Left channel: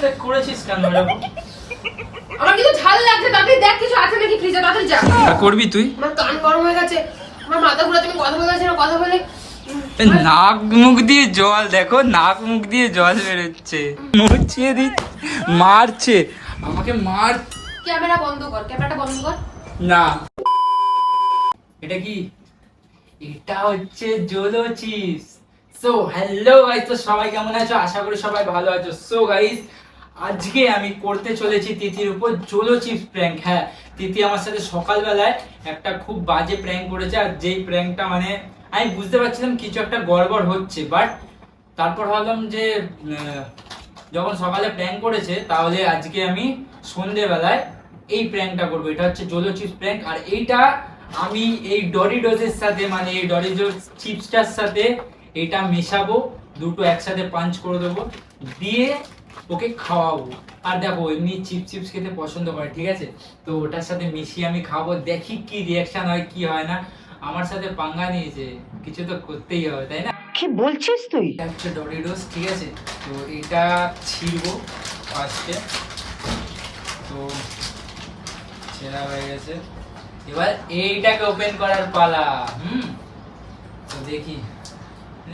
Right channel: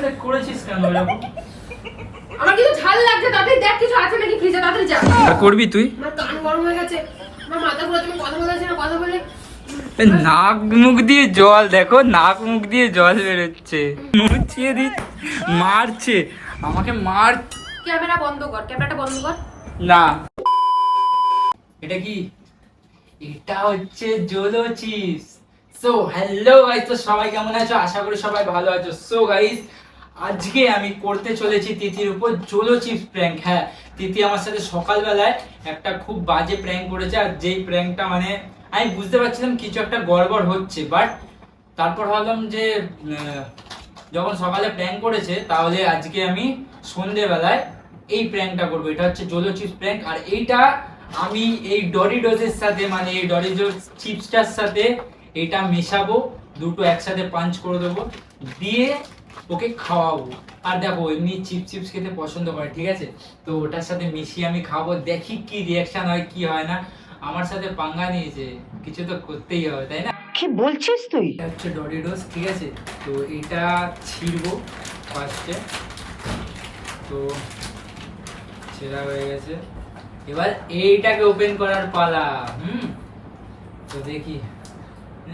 সাথে করেছিস কেন এরকম? আমার কিন্তু ঝাল লাগছে, তাড়াতাড়ি দেখ কিছু আছে নাকি ফ্রিজে, তাড়াতাড়ি যা। আর করবি তুই? আমার কান গরম হয়ে গেছে, আমার মাথা ঘুরাচ্ছে, আমি কথা বলতে না, কথা বলে নাক মুখ দিয়ে জল, দেখো নাক মুখ দিয়ে জল বেরোচ্ছে। মুছিয়ে দি, মারছে আমাকে, মার। ক্যামেরা বন্ধ কর, ক্যামেরাটা বন্ধ কর। না, এটা কি? এটা হচ্ছে Zolo chips. So hello guys, তো সবাই কেমন আছো? আশা করি সবাই ভালো আছো। সো গাইস, আজকে আমি করতে চলেছি তিথির উপর জোলো চিপস প্র্যাঙ্ক। হ্যাঁ, তিথি আমার সাথে সকালবেলায় একটা খুব বাজে প্র্যাঙ্ক করেছে, আর যেই প্র্যাঙ্কটা মানে আমি বুঝতে পারছিলাম কিছু একটা গড়বড় হচ্ছে, বাট তারপর ভাবলাম যে যখন সকালে প্র্যাঙ্ক করেছে তাহলে আজকে আমি সন্ধেবেলায় এই প্র্যাঙ্কটা করবো। এটা হচ্ছে জোলো চিপস প্র্যাঙ্ক, আর এইটা আমি এই ডরিডোসের সাথে, মানে এই ডরিডোস চিপসটার সাথে এটা মেশাবো, দুটো একসাথে পাঞ্চ করে দেবো, দিয়ে ওকে খাওয়াবো। আর দেখো এমনি চিপস খেতে পছন্দ করে, ঠিক আছে? তো ওটার সাথে মিশিয়ে আমি খাবো, দেখি কি রিয়াকশন হয় কি হয় না। আমার সাথে পাঙ্গা নিয়েছে, কিছু তো করতেই হবে, তাই না? কি বলছিস তুই? এটা হচ্ছে ডরিডোস, ঠিক আছে? তো এটা ছিড়বো ফার্স্টে। তো ছেঁড়া হয়ে গেছে, এবার এইটাকে ওপেন করার পালা। তো দেখি,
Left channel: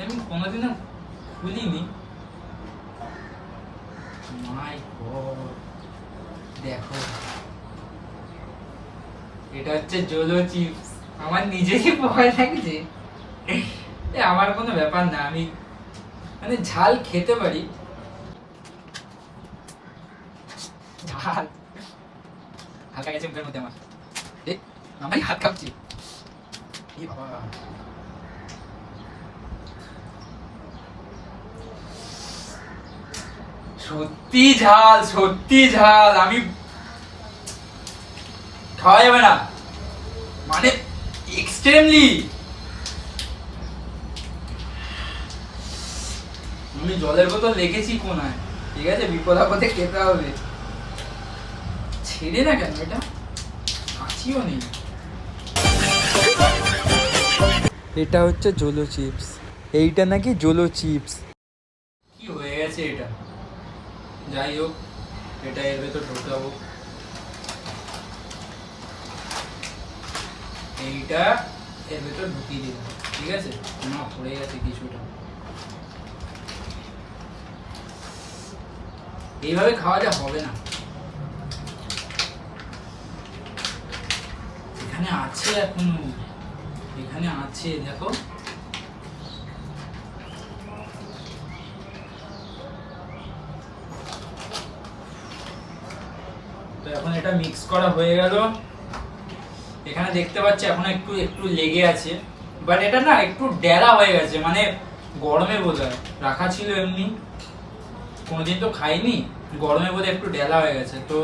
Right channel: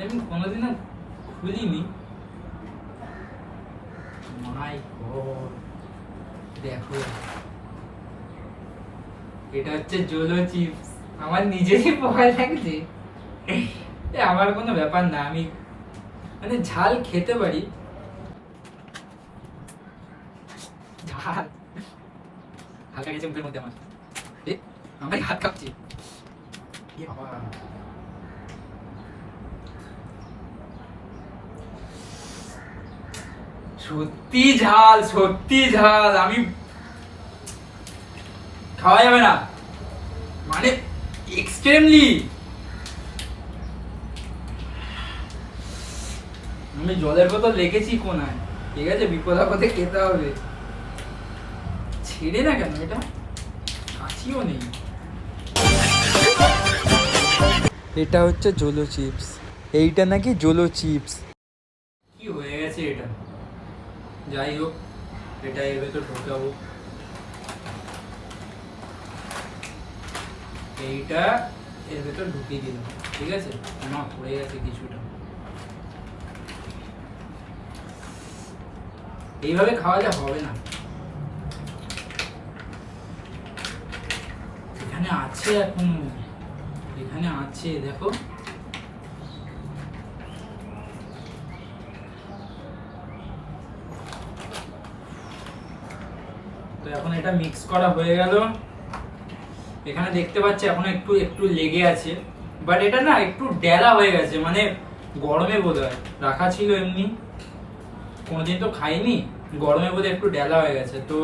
আমি কোনোদিনও খুলিনি। মাই গড, দেখো এটা হচ্ছে জোলো চিপস। আমার নিজেরই ভয় লাগছে। আমার কোনো ব্যাপার না, আমি মানে ঝাল খেতে পারি। ঝাল হালকা গেছে মুখের মধ্যে আমার, আমি হাত কাঁপছি। সত্যি ঝাল, সত্যি ঝাল। আমি খাওয়া যাবে না, মানে এক্সট্রিমলি। আমি জলের বোতল রেখেছি কোনায়, ঠিক আছে? বিপদ আপদে খেতে হবে। ছেড়ে না কেন, এটা কাছিও নেই। এটা হচ্ছে জোলো চিপস, এইটা নাকি জোলো চিপস। কি হয়ে গেছে এটা? যাই হোক, এটা এর ভেতর ঢোকাবো। এইটা এর ভেতর ঢুকিয়ে দিলাম, ঠিক আছে? না পড়ে গেছে কিছুটা। এইভাবে খাওয়ালে হবে না। এখানে আছে, এখন এখানে আছে, দেখো। তো এখন এটা মিক্স করা হয়ে গেল। এখানে দেখতে পাচ্ছি এখন একটু একটু লেগে আছে, বাট এটা না একটু ডেলা হয়ে গেছে, মানে গরমে বোধহয় রাখা ছিল, এমনি কোনোদিন তো খাইনি, গরমে বোধহয় একটু ডেলা হয়ে গেছে। তো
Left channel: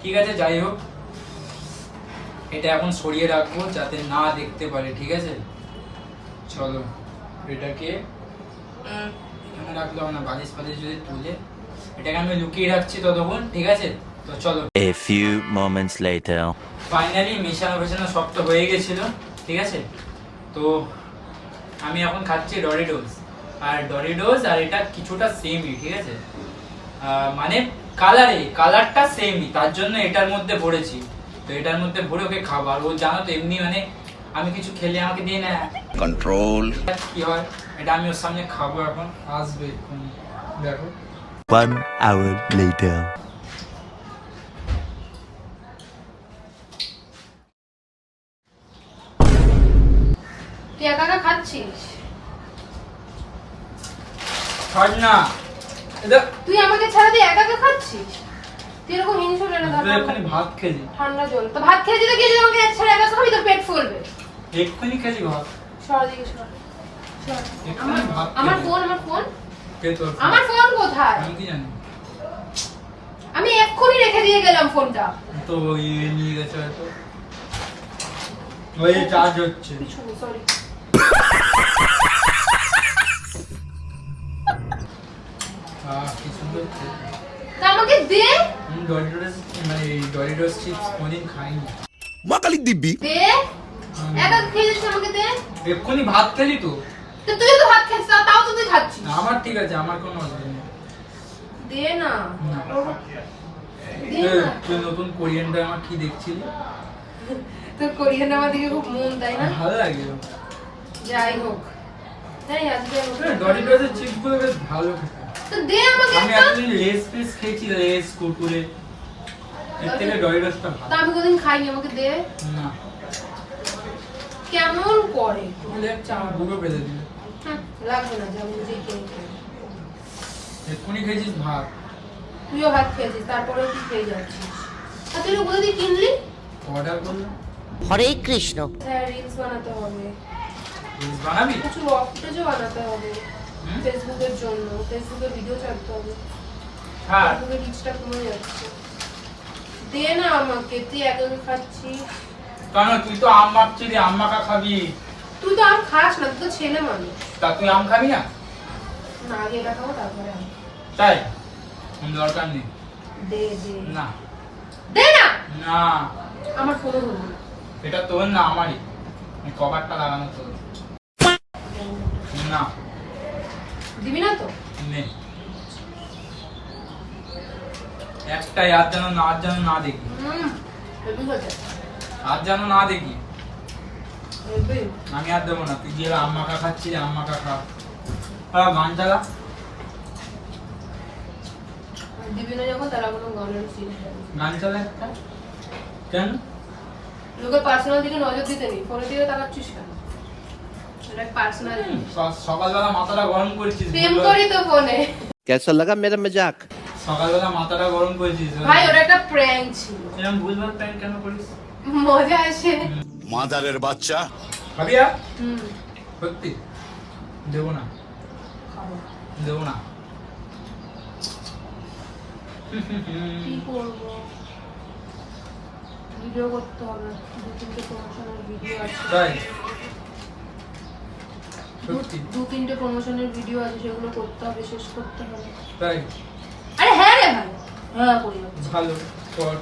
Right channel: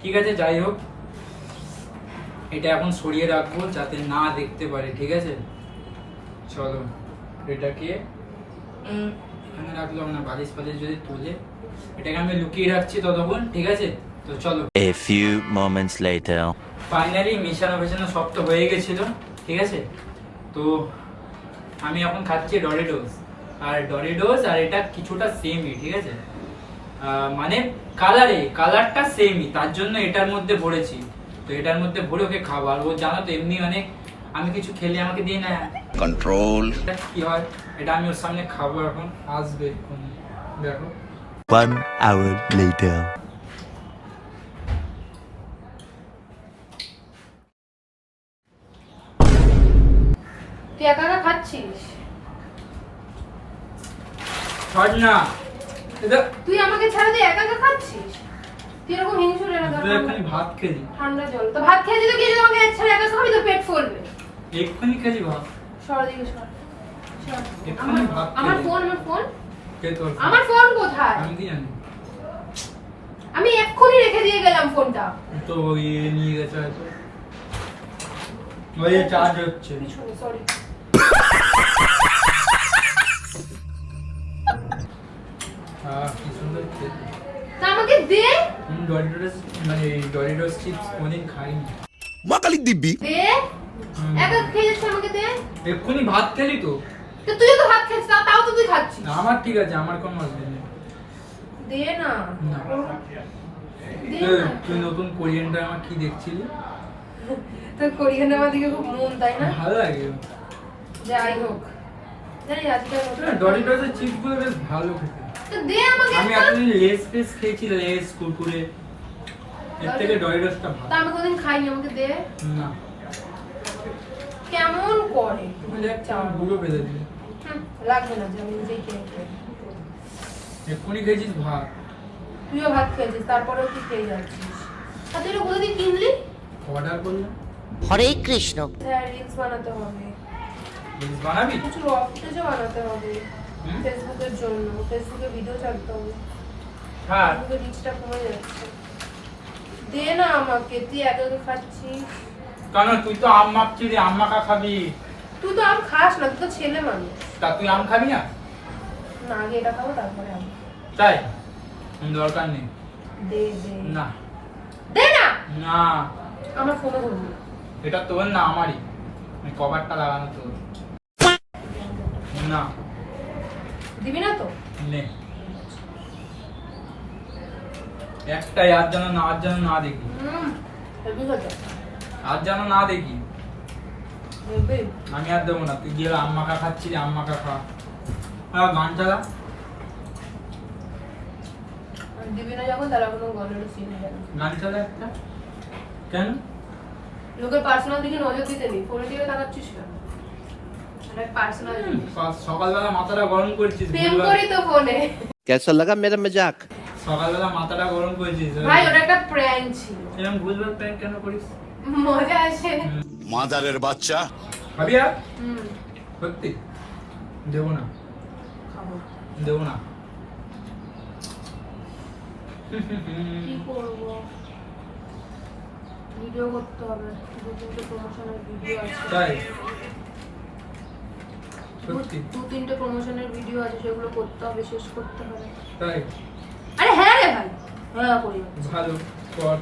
ঠিক আছে, যাই হোক, এটা এখন সরিয়ে রাখবো যাতে না দেখতে পারে, ঠিক আছে? চলো এটাকে এখানে রাখলো, মানে বালিশ ফালিশ যদি তুলে, এটাকে আমি লুকিয়ে রাখছি ততক্ষণ, ঠিক আছে? তো চলো। A few moments later. Finally মেশানো সব তো হয়ে গেছিল, ঠিক আছে? তো আমি এখন খাচ্ছি ডরিডোস, আর এটা কিছুটা সেমই, ঠিক আছে? মানে কালারটা সেমই, তার জন্য এটার মধ্যে ভরেছি। তো এটার মধ্যে ভরে ওকে খাবো। আর ও জানো তো এমনি মানে আমি কিছু খেলে আমাকে দিয়ে না Control. কি হয়, এটা আমি ওর সামনে খাবো, এখন আসবে এখন, দেখো। 1 hour later. তুই একা একা খাচ্ছিস? ছাড় না এটা, তুই আমাকে ছেড়ে দিয়ে একা একা খাচ্ছিস? তুই এরকম হিংসুটে না, তুই এখানে ভাত খেলি, ঠান্ডা জল তো ভাত খেয়ে দিলে কি যদি আমাকে ছেড়ে একা খাবি তো পেট ফুলবে। এক্ষুনি খেলি ভাত, সর দিকে সর। এক্ষুনি ভাত আমার খেলি। ফোন কে তোর ফোন? আমার ফোন কোথায়? আমি কি জানি, আমি এক্ষুনি রেখে দিয়ে গেলাম ফোনটা। তো ইয়ে নিয়ে গেছে হয়তো, ওই চার্জ হচ্ছে। সরি। কি সুন্দর খেতে। তা আমাকে দে। ডরিডোস, মানে ডরিডোস চিপস কোনদিন খাইনি। Makalik dibi. দে। একা খেয়ে যাচ্ছিস, আমাকে দে। এক্ষুনি ভাত খেলি তো। তো তুই তো ভাত খাচ্ছিস, তাও তো তুই খাচ্ছিস। আমার ঠিক আছে, আমার কোনো অসুবিধা নেই। দে না। না। দে এ, না। তুই নতুন কোরিয়ান ড্রামা কি দেখছিলি? তোর কোরিয়ান আমার দিকে খুব মন, তাই না? ভালো লাগে। যাই হোক, জানি আজকে ডরিটোসের চিপস গুলো বেশ ভালো খেতে। তো দে আমাকে আমি একটা। এতদিন লেস পেস খেয়েছি, লেস কুরকুরে, এর থেকে ডরিটোসটা তা ভালো। আমি কোনদিন খাইনি, আমাকে দে। না কেমন করে? তুমি দেখ আমার বুড়ো বেঁধে দিলে। লাগবে না, আমি নিজেই খেয়ে খেয়ে। এক্ষুনি খেয়েছিস ভাত। তুইও ভাত খেয়েছিস, তারপরেও তুই খেয়ে যাচ্ছিস। আর তুই কোথা দিয়ে কিনলি? অর্ডার করলাম। হরে কৃষ্ণ। হ্যাঁ, রিলস বানাতে হবে, রিলস বানাবি? কিছু রক ফুটেজও বানাতে হবে হুম? ফেসবুকের জন্য। ফেসবুকে ভিডিও ছাড়তে হবে, হ্যাঁ ফেসবুকের রিচটা কমে যাচ্ছে। দে না আমাকে, তুই একা একা খাচ্ছিস। কেন তুই তো আম মাখছিলি, আম মাখা খাবি। তুই তো আম খাস না, তুই তো ছেলে মানুষ। তা তুই আম খাবি না? না, আগে এটা খাবো তারপরে আম। তাই দরকার নেই। দে দে না দে না। না, আমার ফোনও দেবো না। এটা তোর না আমারই, কভারটা লাগানো তোর। না দিবি না তো? নে একটাই, আজ যেন না, আজ যেন না দেখি, হেভি হচ্ছে, আজ যেন না দেখি। হেভি। আমি আর দেবো না, তুই গিয়ে আম মাখা খাচ্ছিস, আম মাখা খা। হ্যাঁ গান চালা। দিবি না যখন, তারা কোনো গলের চিনি যাবে। গান চালা একটা। কেন? লোকের পার্সোনাল দিকে নজর দিতে নেই, ফোনের দিকে তাকাচ্ছিস কেন? এটা পার্সোনাল জিনিস। সকালবেলা মাথাটা গরম করছিস, প্রেম ভুলভাল- করি তো ফোনে। कैसा लगा मेरा मजाक? সকালবেলা মাথাটা গরম করছিস। ভাই ওটা একটা প্র্যাঙ্ক ছিল, এরকম ভুলভাল প্র্যাঙ্ক কেন করিস? মজা আসে। মাদারের বাচ্চা খাবি আর? হুম, সত্যি দেবো না, খাবো। দেবো না। কি করবো? ভিডিও করতে হবে, 2-3টে প্রমোশনের ভিডিও আছে। তাই সত্যি 2-3টে প্রমোশনের ভিডিও আছে, সেগুলো করতে হবে, শেষ করতে হবে। তাই আরে হ্যাঁ রে ভাই, হ্যাঁ করি। ভালো কর।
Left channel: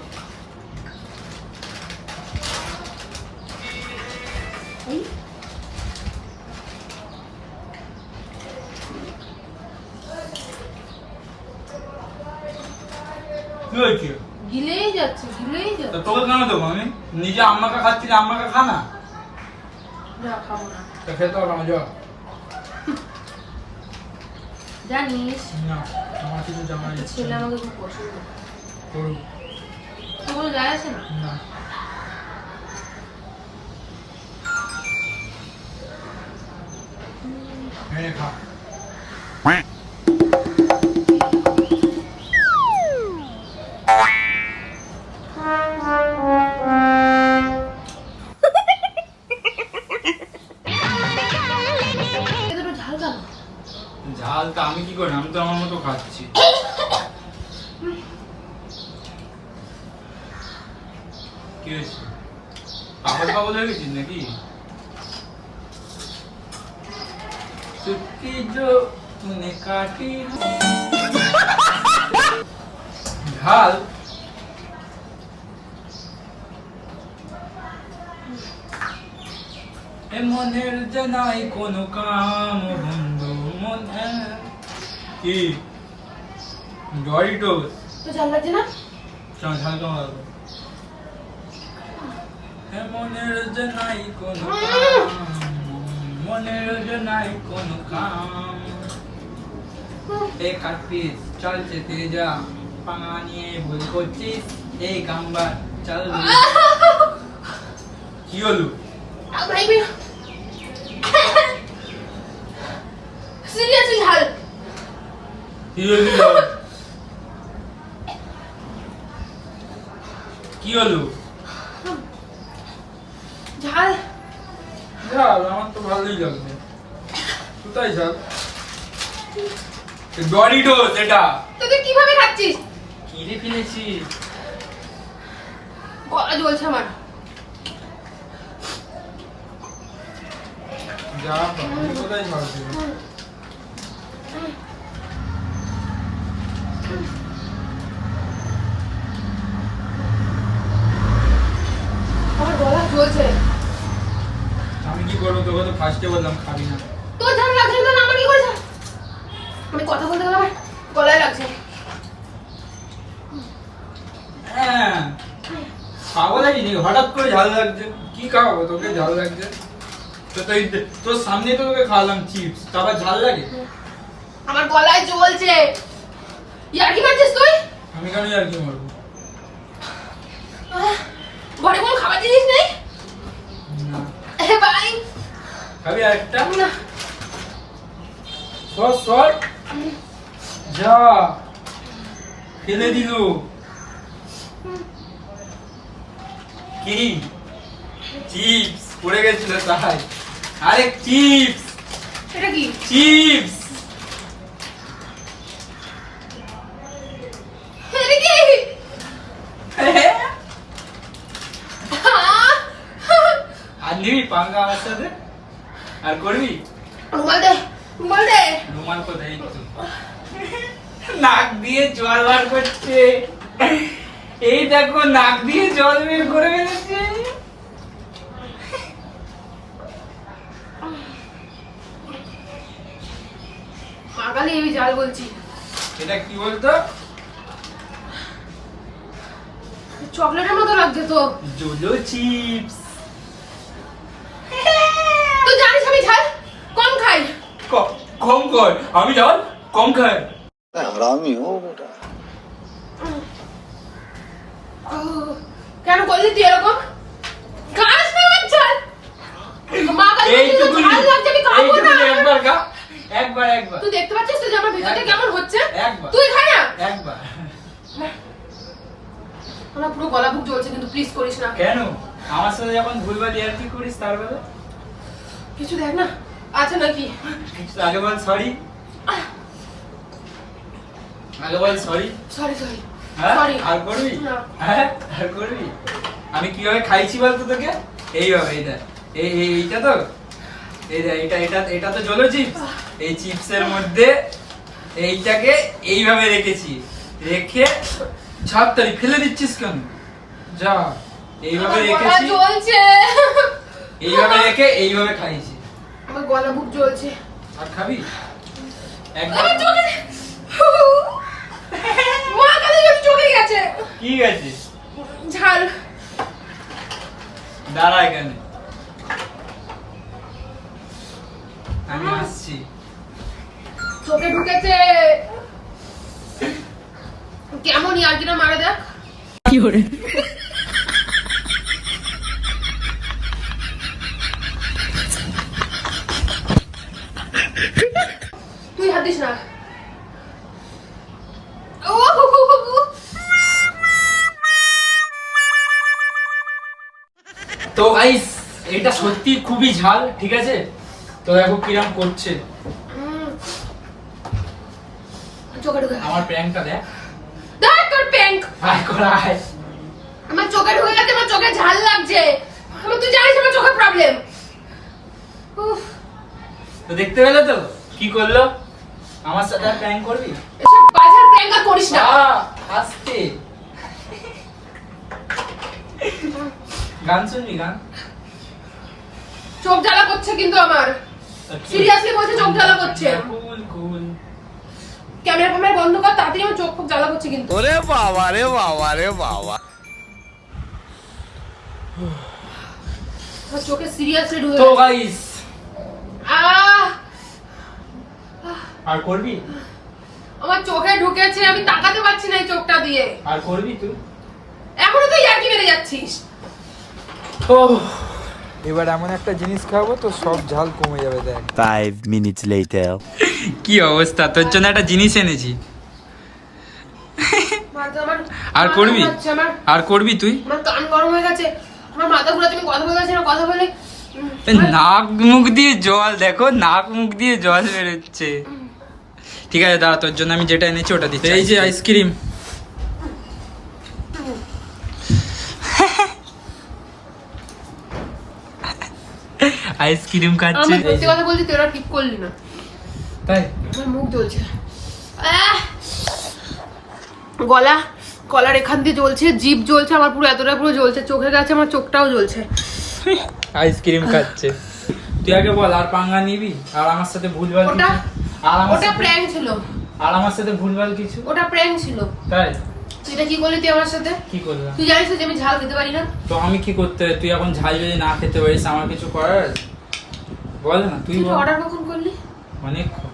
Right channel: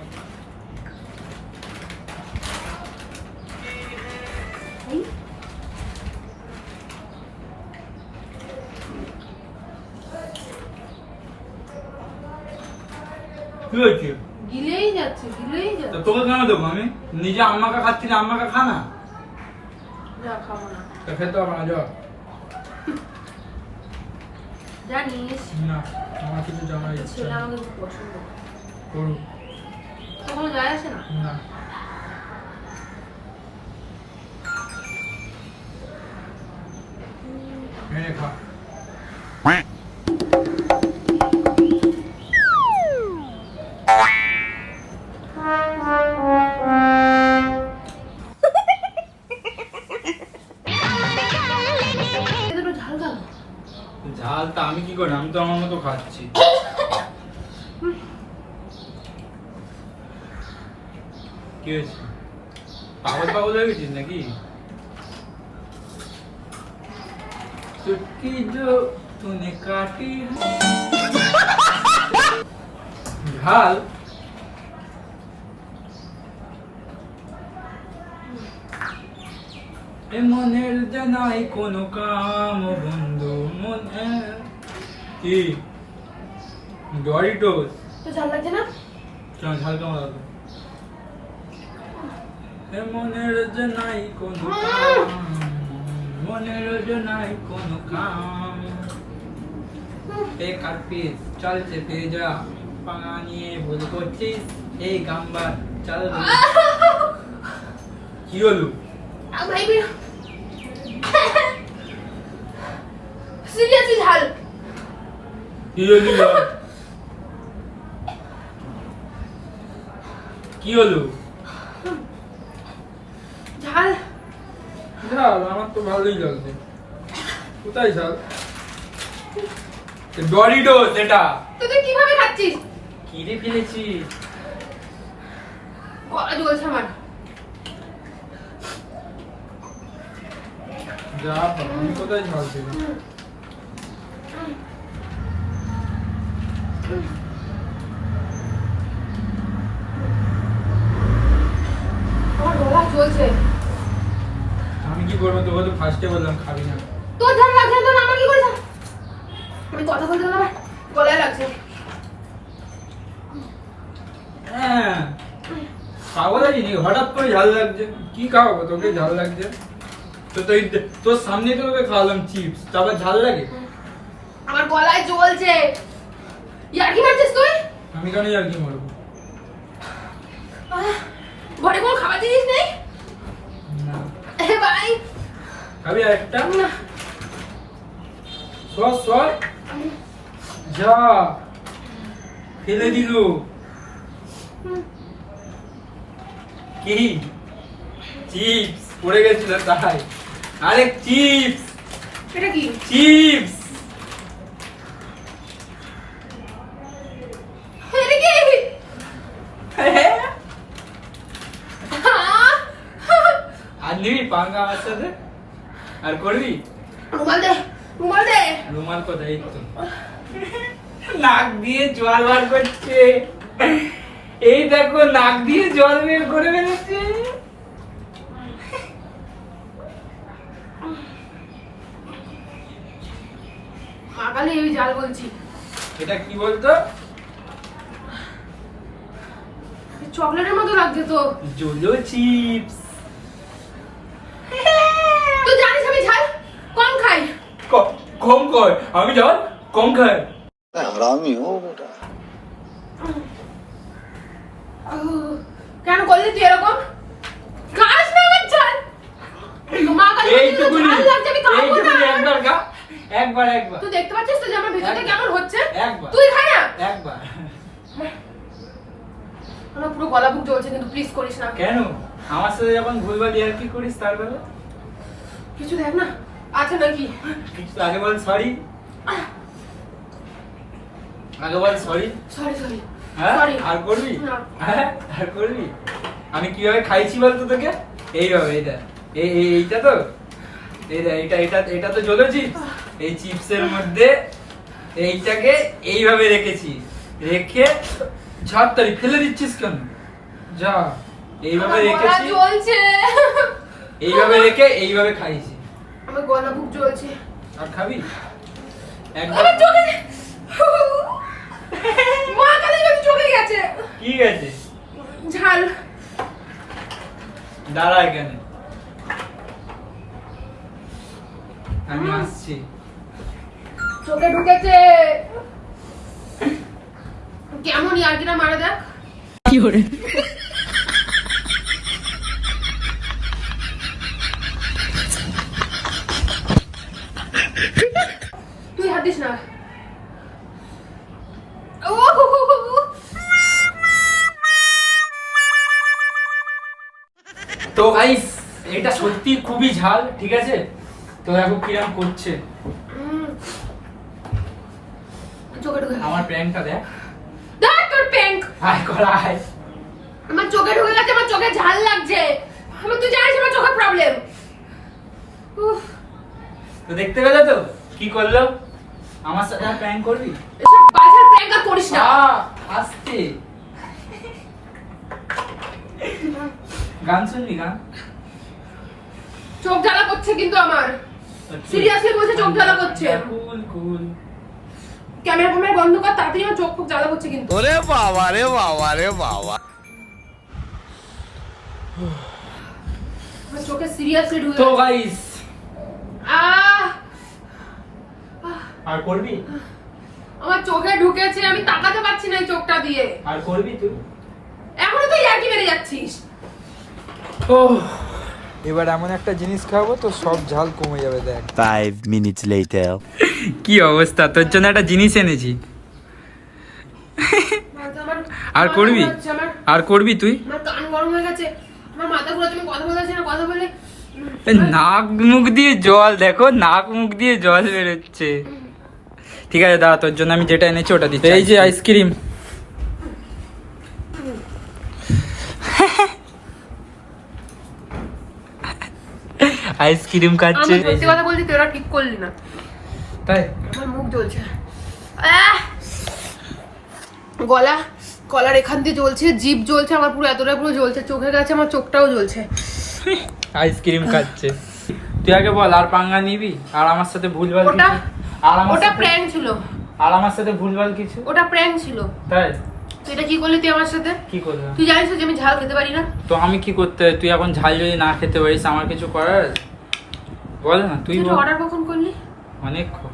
এই কি হয়েছে? গিলেই যাচ্ছে, গিলেই তা যাচ্ছে। তোকে কেন দেবো আমি? নিজে আম্মাকে খাচ্ছিলি, আম্মাকে খা না। না, খাবো না। তা খেতে হবে না, যা। জানিস না আমার কিছু জানার একটা ইচ্ছা ছেলে নেই। আমাকে খুব পছন্দ করে। করুক। তোর কোনো যায় আসে না? না মেরে খা। এতে একটু ঝাল দাও না। ঝাল তা আমি কি করি? আমি তো আমার মতো খাচ্ছি। কি হয়েছে? পাগল পাগল হয়ে গেছিস নাকি? चुटकी जो तूने काटी ঝাল। এ মনের জানাই কোন কাম বন্ধু মন কি ডরিটোস। তো ঝাল লাগছে না? কেমন ঝাল কেমন লাগবে? এ মনের জানাই কোন কাম, মনের জানাই কোন কাম, এ কাটপিস চল চেতে যা, পাঙা নিয়ে ভুল করছিস, এই গাম্বার চল। কি হলো? ভাই বের সিরিয়াসলি ঝাল। কি হলো? কি হলো? ঝাল। ঝাল আমার তো ভালোই লাগছে। কোথায় ঝাল? ডরিটোস এটা। তো তুই কিভাবে খাচ্ছিস? কি রে ফেলেছি? গলা জ্বলছে আমার। যা বাবা, আমি কোথায় ঝাল ছিল? আমার গলা জ্বলছে। আমি কি করবো? তোকে তো ফার্স্টে বললাম খাবি না। তোর ঝাল লাগছে না, তো আমার কি করেছে? আমি কথা বলতে গেলে আমার গলায় লাগছে। পাগল আছিস নাকি? হঠাৎ করে ঝাল লাগছে, কি খাওয়াবো তোকে ঝাল লাগছে? তো তুই তোর সামনে তো তোকে খাওয়ালাম চিপস, তারপর ঝাল লাগে? আমার গলায় জ্বলছে। ইয়ার কি মারছিস তুই? আমি কেন আর কি মারবো? ঘরে কোনো খাবার জিনিস নেই? না। এ ভাই খাবি আর একটা? না। সর সর, যা ফেলে দিল। কি চিপস পড়ে গেছিল তাই? আরে চিপস, এটা কি? চিপস। এটা কি? আর নিবি পাঙ্গা আমার সাথে? আর করবি? রুমাল দে, রুমাল দে। রুমাল কোথায়? এই তো। নাক দিয়ে জল বার করছে, এই দেখো নাক দিয়ে জল বের করে বেরোচ্ছে। পাগালি আমি জাল বলছি। এটা কি বলতো? চকলেটের মতো লাগছে তো। Zolo chips. তুই জানিস আমি ঝাল কম খাই। কম কর, আমি জল কম খাই। हरामी हो बेटा। কেন করলি তুই এরকম? খাস না আমার ঝাল। মা কাছে এইটুকুনি, ঝাল লাগছে আমি খাবো না। এইটুকুনি একবার খা, একবার একবার তুই দেখতে পাচ্ছিস তো যে আমার ভিতরটা একবার। কেমন হচ্ছে? একবার। তুই খা না। একবার। আমার পুরো গলা বুক জ্বলছে কিন্তু প্লিজ করিস না। কেন আমার সাথে যখন ভুলভাল ইয়ার কি করিস তার বেলা? কিছু দেখ না আছে নাকি? কিছু আগে বল সরি, আগে বল সরি। সরি সরি হ্যাঁ সরি। আর করবি? না। হ্যাঁ আর করবি? আমি কিভাবে খাইছি বলতো তোকে? এইভাবে, এইটা এইটা তো এটা এটা এটা তো জলো চিপস। এই চিপসের মধ্যে এইটাকে এইভাবে রেখেছি, রেখে ঝাপতালি ফেলে দিচ্ছিস কেন? যা, এইভাবে আমার গলা রেখেছি, জ্বলছে। এইভাবে রেখে এইভাবে খাইছি। আমার গলা বুক জ্বলছে। আর খাবি? একবার আমার চোখে মা কাছে যত চোখে গেছে। কি আছে? ঝাল। দাঁড়া এখানে, আমি আসছি। চোখে ঢুকেছে। কেমন ইয়ার্কিটা মারা দেখ। কি করে? তুই হাত দিস না। ও তো গাইস এটা সত্যি খুবই ঝাল, ঠিক আছে? তো দেখো কিরম করছে। চোখে ঢুকে আমার প্র্যাঙ্কটা দেখ। দেখ তোর প্যাঙ্ক। আয় করা আয়। আমার চোখে ঢুকে গেছে, আমার চোখে ঝাল লাগছে। আমি তুই জানিস আমার চোখে প্রবলেম। তো দেখতে পেলে তো কি করলো? আমার সাথে প্র্যাঙ্ক করবি? এসব বাজার প্যাঙ্ক আর করিস না। আস্তে গান শুনবি? গান চোখ জ্বালা করছে কিন্তু আমার। সিরিয়াসলি বলছে চোখ জ্বালা করছে। কুল কুল। ক্যামেরা ফ্যামেরা বন্ধ কর তাড়াতাড়ি, আমার চোখ খুব জ্বালা করছে কিন্তু। अरे बाबा रे बाबा रे बाबा। আমার চোখে সিরিয়াসলি ঢুকে তো গেছে। গাইস আহ! আর করবি? আমার চোখে ঢুকেছে, আমি তাকাতে পারছি না এই চোখটা দিয়ে। আর করবি তুই? এখনো তুই ইয়ার্কি মেরে যাচ্ছিস। ও এবার এমন একটা জিনিস খাবো তো সব ঝাল কমে যাবে দেখ। 5 minutes later. কি অবস্থা, তোর জন্য একটা জিনিস এনেছি। আর করবি? আর করবি তুই? আমার কান গরম হয়ে গেছে, আমার মাথা ঘুরাচ্ছে, আমি কথা বলতে পারছি না, কথা বলে নাক মুখ দিয়ে জল, দেখো নাক মুখ দিয়ে জল বেরোচ্ছে। ঠিক আছে দাঁড়া, তোর জন্য আমি যেটা এনেছি ওটা দিচ্ছি। এই যে আইসক্রিম। আইসক্রিম খাচ্ছে। আমি সত্যি কথা বলছি, তোরা ঠিক করলি না। তাই আমার মুখ জ্বলছে। গলা, গলার এখান দিয়ে জ্বলছে, জিভ জ্বলছে, আমার পুরো এতটা পুরো জ্বলছে, চোখে গেছে, আমার চোখটাও জ্বলছে। আইসক্রিম খাচ্ছে। তুই আগে বল আর পাঙ্গা নিবি? আর আমার সাথে ভুলভাল ওটা কিছু? আর আমার ওটা সাথে প্র্যাঙ্ক ছিল। আর আমার সাথে ভুলভাল কিছু? ওটা প্র্যাঙ্ক ছিল। তাই তুই এটা কি করলি তুই আমার সাথে? কি করলাম? তুই জানিস তো যে আমি ঝাল খেতে পারি না? তো আমি কি করতে হয়? তুই এখন ঝাল যদি না খেতে পারিস আমার কিছু করার আছে? বল না, তুই তুই বল। অর্ডার কখন করলি? অনেকক্ষণ।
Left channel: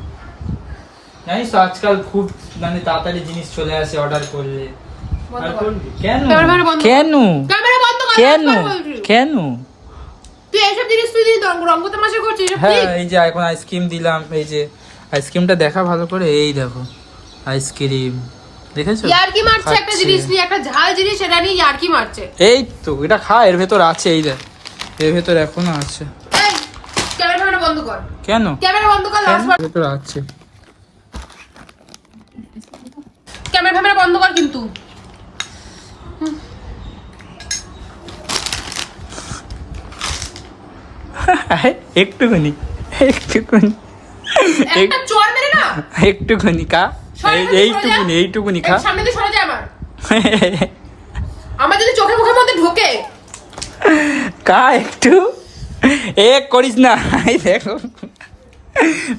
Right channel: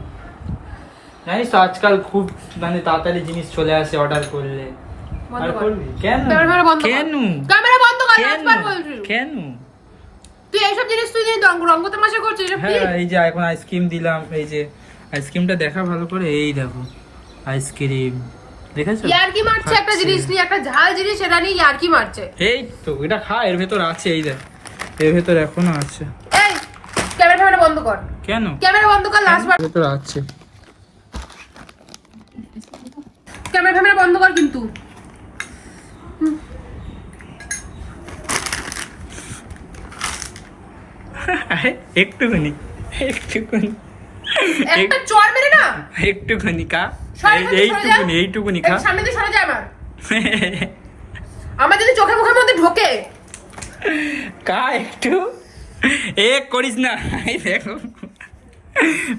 জানিস তো আজকাল খুব মানে তাড়াতাড়ি জিনিস চলে আসে অর্ডার করলে। বন্ধ আর কর। করবি? কেন? ক্যামেরা বন্ধ কর। কেন? ক্যামেরা বন্ধ কর, কেন? লাস্টবার বলছি। কেন? তুই এইসব জিনিস তুই দিয়ে রঙ্গ তামাশা করছিস, এসব কি? হ্যাঁ, এই যে এখন আইসক্রিম দিলাম, এই যে আইসক্রিমটা দেখা ভালো করে, এই দেখো আইসক্রিম, দেখেছো? ইয়ার্কি মারছে একটা খাচ্ছে। জিনিস নিয়ে, একটা ঝাল জিনিস এটা নিয়ে ইয়ার্কি মারছে। এই তো এটা খা, এর ভেতর আছে, এই দেখ এর ভেতর এখনো আছে। এই ক্যামেরা বন্ধ কর। কেন? ক্যামেরা বন্ধ কর, লাস্টবার। এর ভেতর আছে। ক্যামেরা বন্ধ কর কিন্তু। একটুখানি একটুখানি একটা চড় মেরে না। একটুখানি খা, সরে যা, এইটুকুনি এইটুকুনি খা। এই সামনে দিয়ে সরে যা আমার। আমার যদি চোখের মুখের মধ্যে ঢোকে। কা একটু এ করিস না, এই দেখো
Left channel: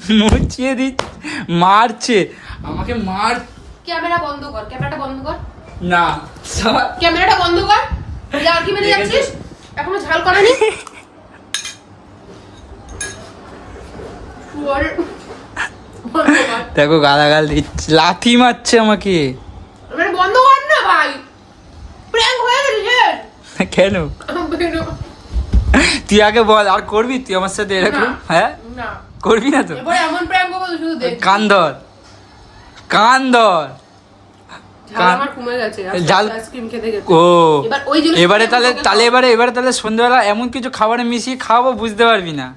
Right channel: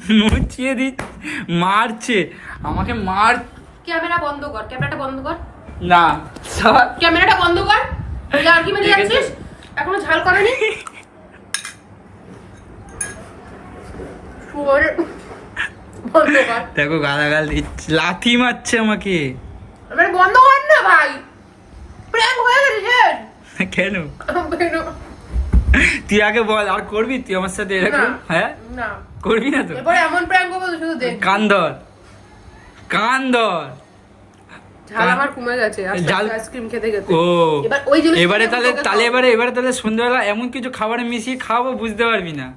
মুচিয়ে দি, মারছে আমাকে, মার। ক্যামেরা বন্ধ কর, ক্যামেরাটা বন্ধ কর। না সব ক্যামেরাটা বন্ধ কর। ইয়ার্কি মেরে দেখেছো? যাচ্ছিস, এখনো ঝাল করেনি। শুয়োরের- বন্ধ কর। দেখো গালাগাল দিচ্ছে, লাথি মারছে আমাকে। এবার বন্ধ কর না ভাই, প্র্যাঙ্ক হয়ে গেছে। কেন? তুই আগে বল, আর করবি তুই আমার সাথে এরকম? না। হ্যাঁ, না, করবি না তো? এবার এমন প্র্যাঙ্ক হবে শুধু দেখ। কান ধর, কান ধর। ঝাল আমার কমে গেছে ঝাল- আইসক্রিম খেতে খেতে। ও এবার ওই জিনিসটা এবারে আমি তাহলে তোকে তাহলে খাওয়াবো। এবারে সন্ধ্যাবেলা এমন কিছু খাবারে মিশিয়ে খাওয়াবো, বুঝতে পারবি না।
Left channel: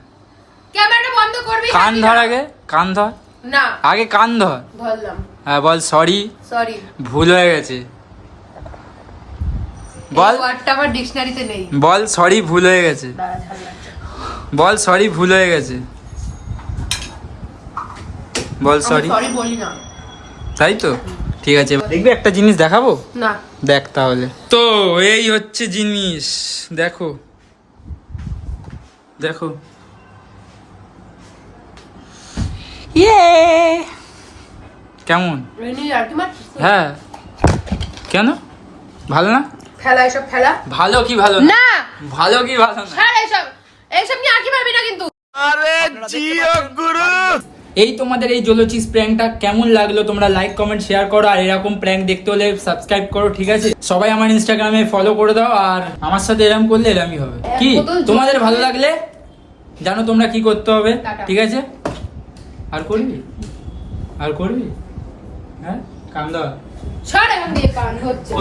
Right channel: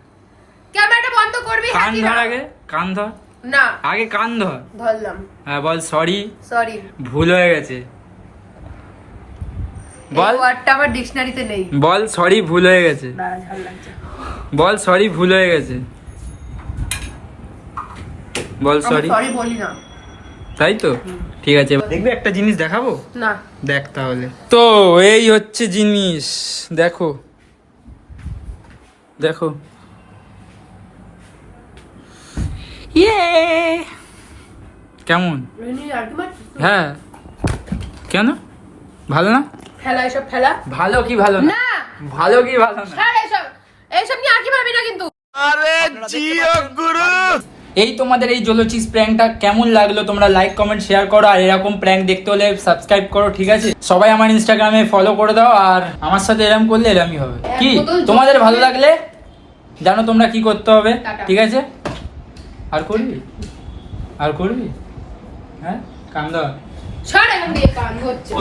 ক্যামেরাটা বন্ধ করবি কান নাকি ধর না? আগে, কান ধর না, আগে, কান ধর। ধরলাম। হ্যাঁ বল সরি, সরি। ভুল হয়ে গেছে। বল, এই ওয়ার্ডটা আমার ডিকশনারিতে নেই। বল সরি, ভুল হয়ে গেছে। দাঁড়া, ঝাল লাগছে। বল সরি, ভুল হয়ে গেছে। বল আমি সরি। সরি বলি না। তাই তো, ঠিক আছে। দেখবি একটা জিনিস দেখাবো? না। দেখ তাহলে। তো এই হচ্ছে জিনিস, দেখো দেখো। কেমন? এমনি ইয়ার্কি মারছিস তুই? হ্যাঁ, কেন ভালো না? ফেলা এসব ফেলা। ভালো কি ভালো না? না, ভালো কি ভালো না? ছাড় এসব। এইসব নিয়ে ইয়ার্কি মারবি না কিন্তু। আরে জিও গুরু। এই তোমাদের এই জলোচিস প্র্যাঙ্কটা কেমন লাগলো তোমরা লাইক কমেন্ট শেয়ার করো, আর এরকম প্র্যাঙ্ক দেখতে হলে সাবস্ক্রাইব করো, ঠিক আছে? সবাই আমার ইনস্টাগ্রামে ফলো করে দাও, আর আমার সাথে এরকম করলে এরমই হবে। কি তোমাদের ভালো লাগলে জানো তোমরা কি করতে হবে, টাটা। ঠিক আছে? আর করবি, আর করবি? হ্যাঁ, কাম দাও। ছাড় এখান দিয়ে, কান হচ্ছে।